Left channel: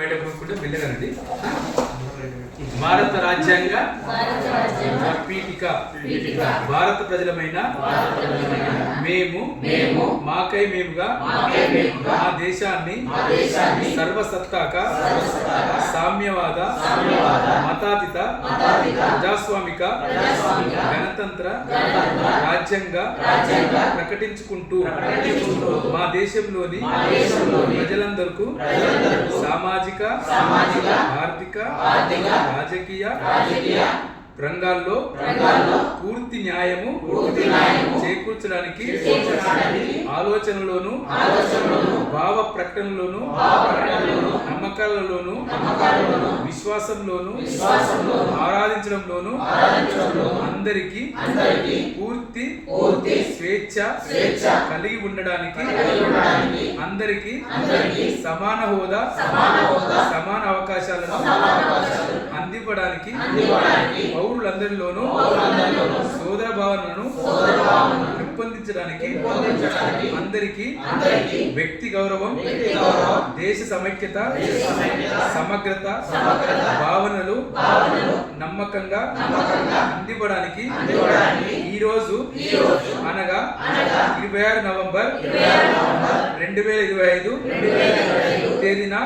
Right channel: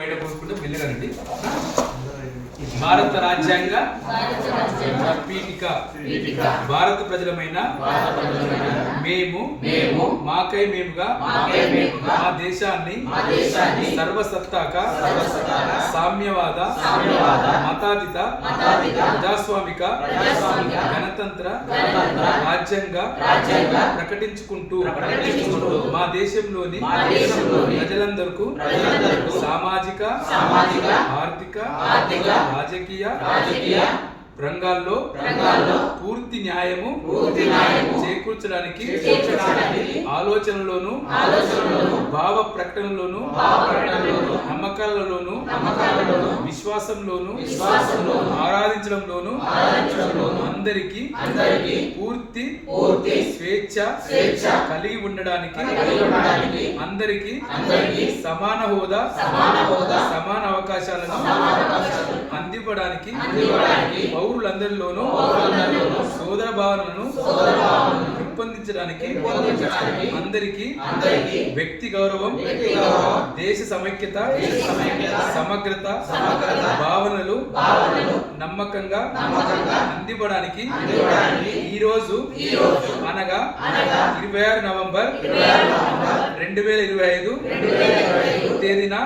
బయట పోసుకుంటే మెల్లగానండి. భారత రాజ్యాంగ పీఠిక భారత ప్రజలమైన మేము మాకై మేముగా మా దేశాన్ని సర్వసత్తాక సామ్యవాద మతాతీత ప్రజాస్వామిక గణతంత్ర రాజ్యంగా ప్రకటించుకుంటూ మా దేశంలోని ప్రజలందరికీ సామాజిక ఆర్థిక రాజకీయ రంగాల్లో పూర్తి న్యాయము చేకూర్చడానికి ఆలోచనలోను భావ ప్రకటనలోను నమ్మకాలలోను విశ్వాసంలోను ఆరాధించడంలోను అందరికీ పూర్తి స్వేచ్ఛ కలిగి ఉండడానికి అందరికీ సమాన హోదా సమాన అవకాశాలను అందివ్వడానికి పౌరులందరిలోనూ సోదర భావనలను పెంపొందించడానికి అందరికీ వ్యక్తి గౌరవం దేశ సమైక్యత సమగ్రత భావనలు నమ్మకంగా అందివ్వడానికి ఈరోజు అనగా 26 నవంబర్ 2025 తేదీన